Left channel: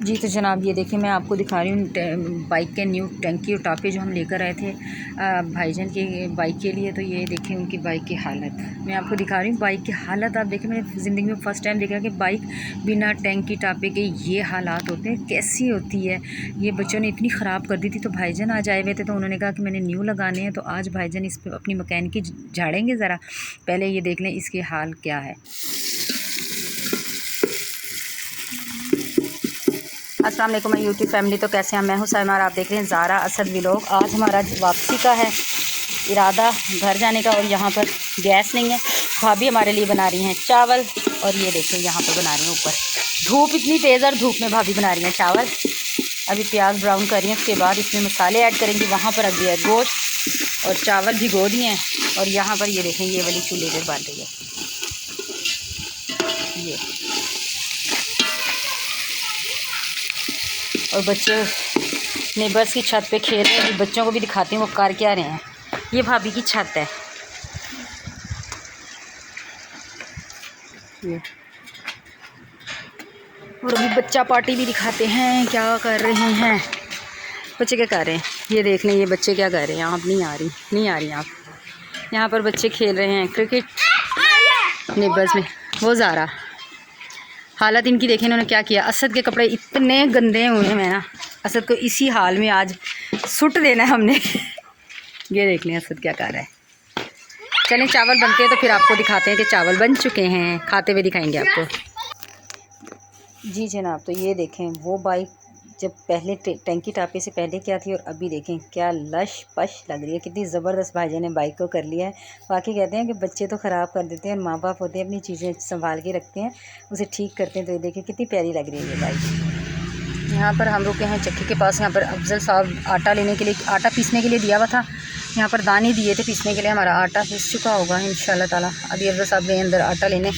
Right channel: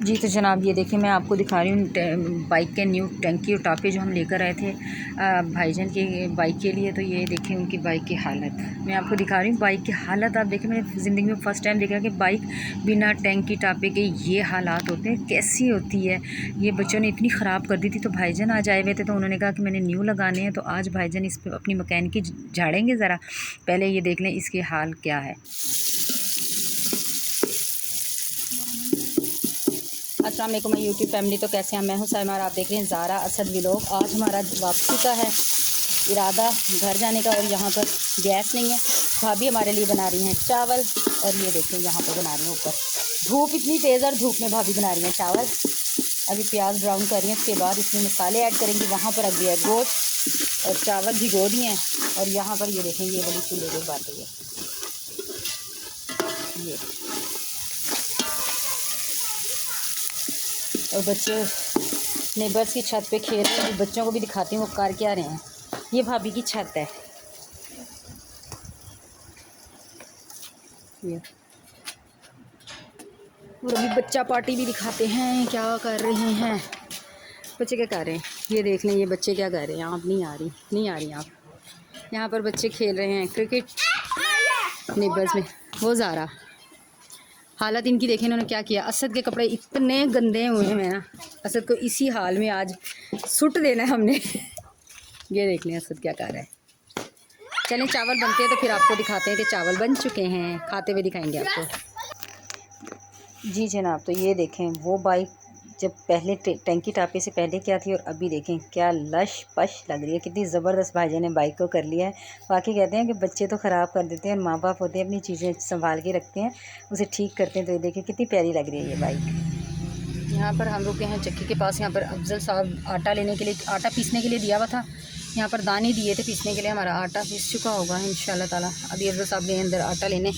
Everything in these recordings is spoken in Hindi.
जी तो जनाब ये देखिए मैं आपको दिखा रही हूँ बाइक के न्यू टंकी और टापे जो हम लेकर आए थे भाईजान की बाइक के लिए। तो ये देखिए उनकी बाइक की हालत मैं आपको दिखा रही हूँ। बाइक की हालत आप देखें, मैंने ज़िंदगी में फ़र्स्ट टाइम देखा कि बाइक बिना टंकी टापे के ये हालात होते हैं, कैसी होती है। ये बच्चों ने इतनी ख़राब कर दी थी। तो भाईजान आज आए हुए थे तो उन्होंने कहा कि मैंने न्यू लगाने हैं। तो आज भाईजान इस पर अपनी मैकेनिक झाड़ेंगे। ज़रा पहले ये देख लें इसके हाल क्या है। अस्सलाम वालेकुम यूट्यूब फैमिली, तो कैसे हैं? मैं हूं साइमा और आप देख रहे हैं ज़ारा असद व्लॉग। आज हमारा वापसी का है इरादा, घर जाने का। और यहाँ पर गैस नहीं है, भाभी हमारे लिए बना रही हैं चावल। और ये देखिए यहाँ पर बना रही हैं ऊपर, धूप इतनी तेज़ और धूप में भाभी बना रही हैं चावल। अभी प्याज ब्राउन कर रही हैं, उसके बाद इसमें मसाले ऐड करेंगी। वहाँ पर रख दिया है गोश्त और चावल भिगो दिए हैं। और यहाँ पर ये देखें ये वाली चूल्हे पर बन रही है। ये और बच्चे नेबर्स की छत पे खेल रहे हैं। बच्चों को भी दिखाती हूँ वो कर क्या रहे हैं। ये भाभी की छत है ये। और अभी बच्चा पार्टी भी दिखाते हैं क्या कर रहे हैं। बच्चे क्या कर रहे हैं ये देख लें। ये बच्चे क्या कर रहे हैं। आप नहीं आ रही आप। यहाँ पर बच्चे खेल रहे हैं क्रिकेट नेबर्स में। वो ज़ारा हालत इनकी देखें इन्होंने क्या किया। असद के कपड़े इतने गंदे हुए हैं ना, असद को इसी हाल में आज सुट देना है हमने। ये देख लें असद क्या कर रहा है। चलें चावल बनते हैं तो फिर आपको दिखाते हैं कि चावल बन चुके हैं, खाते हुए दिखाएंगे आपको। जी जनाब तो ये देखें वो बाइक जब पहले टंकी टापे से पहले क्या थी और अभी देखें क्या लश पश लग रही है। कितनी ज़बरदस्त भाईजान ने बाइक को कर लिया है। बाकी कहते हैं कि बच्चे तो ख़राब कर देते हैं और माँ बाप होते हैं अपनी चीज़ें संभाल के रखते हैं, उसे ठीक करते हैं। तो ये देखें कितनी प्यारी लग रही है ये बाइक। यहाँ पर हम रुके हैं चक्की के पास। यहाँ पर अफजल साहब आटा लेने के लिए, आटा पीसने के लिए दिया हुआ था। यहाँ पर दाने दिए थे पीसने के लिए। हमारा आटा पीस चुका होगा इंशाल्लाह ताला। अभी अफजल साहब गए अंदर आटा लेने।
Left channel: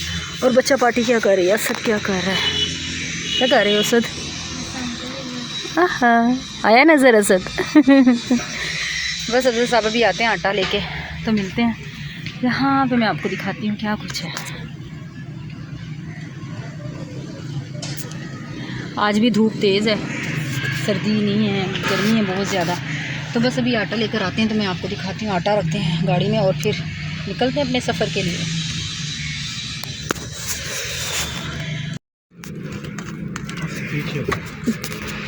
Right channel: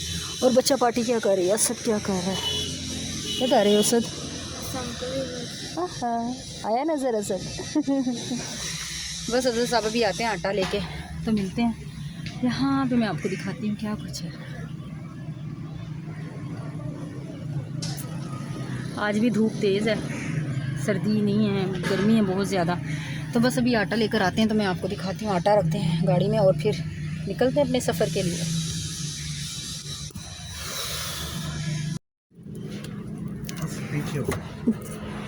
और बच्चा पार्टी क्या कर रही है। असद क्या कर रहा है, क्या कर रहे हो असद? हाँ आया नज़र असद। बस अफजल साहब अभी आते हैं आटा लेके तो मिलते हैं। यहाँ पे मैं आपको दिखाती हूँ क्या कुछ है। आज भी धूप तेज़ है, सर्दी नहीं है, गर्मी है बहुत ज़्यादा। तो बस अभी आटा लेकर आते हैं तो मैं आपको दिखाती हूँ। आटा रखते हैं गाड़ी में और फिर निकलते हैं अपने सफ़र के लिए।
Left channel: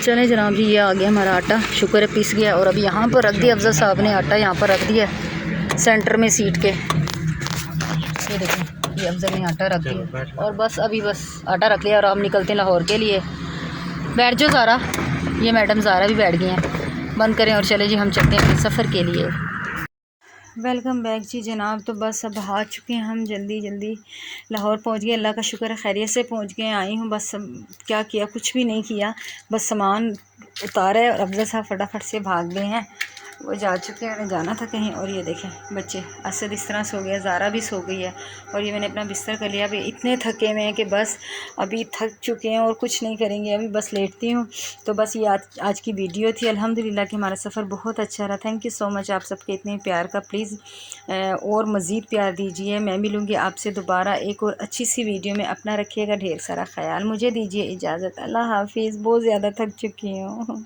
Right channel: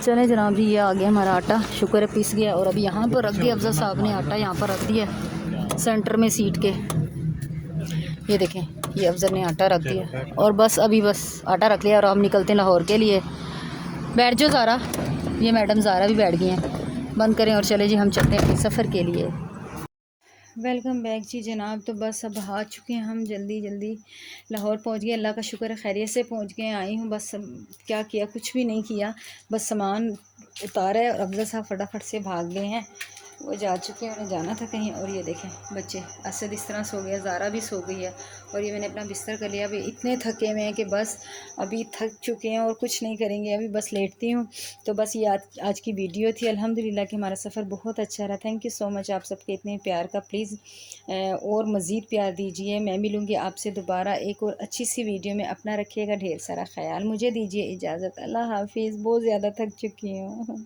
चलें जनाब जी ये आ गया हमारा आटा, शुक्र है पिस गया। और अभी यहाँ पर रख दिया अफजल साहब ने आटा, यहाँ पर रख दिया सेंटर में सीट के। ये देखें ये अफजल ने आटा रख दिया और बस अभी बस आटा रख लिया और हम निकलते हैं लाहौर के लिए। बैठ जाओ ज़ारा, ये मैडम ज़ारा भी बैठ गई हैं। बंद करें और चले जी हम चलते हैं सफ़र के लिए। वेलकम बैक जी जनाब। तो बस अब आ चुके हैं हम, जल्दी जल्दी लाहौर पहुंच गए। अल्लाह का शुक्र है खैरियत से पहुंच गए। आई हूँ बस क्या किया, कुछ भी नहीं किया, बस सामान उतारा है और अफजल साहब फटाफट से भाग गए हैं। वो जा चुके हैं, उन्हें जाना था कहीं। और ये देखें बच्चे, असद इस तरह सो गया, ज़ारा भी सो गई है। और ये मैंने अपना बिस्तर कर लिया। अभी इतने थके हुए हैं कि बस अभी थक चुके हैं और कुछ नहीं करेंगे, अभी बस लेटती हूँ। तो बस ये आज की वीडियो थी। अल्हम्दुलिल्लाह कि हमारा सफ़र बहुत अच्छा रहा। थैंक यू सो मच आप सबके इतने प्यार का। प्लीज़ और मज़ीद प्यार दीजिए। मैं मिलूँगी आपसे दोबारा एक और अच्छी सी वीडियो में। अपना रखिएगा ढेर सारा ख्याल। मुझे दीजिए इजाज़त। अल्लाह हाफिज़। बहुत ज़्यादा थक चुकी हूँ।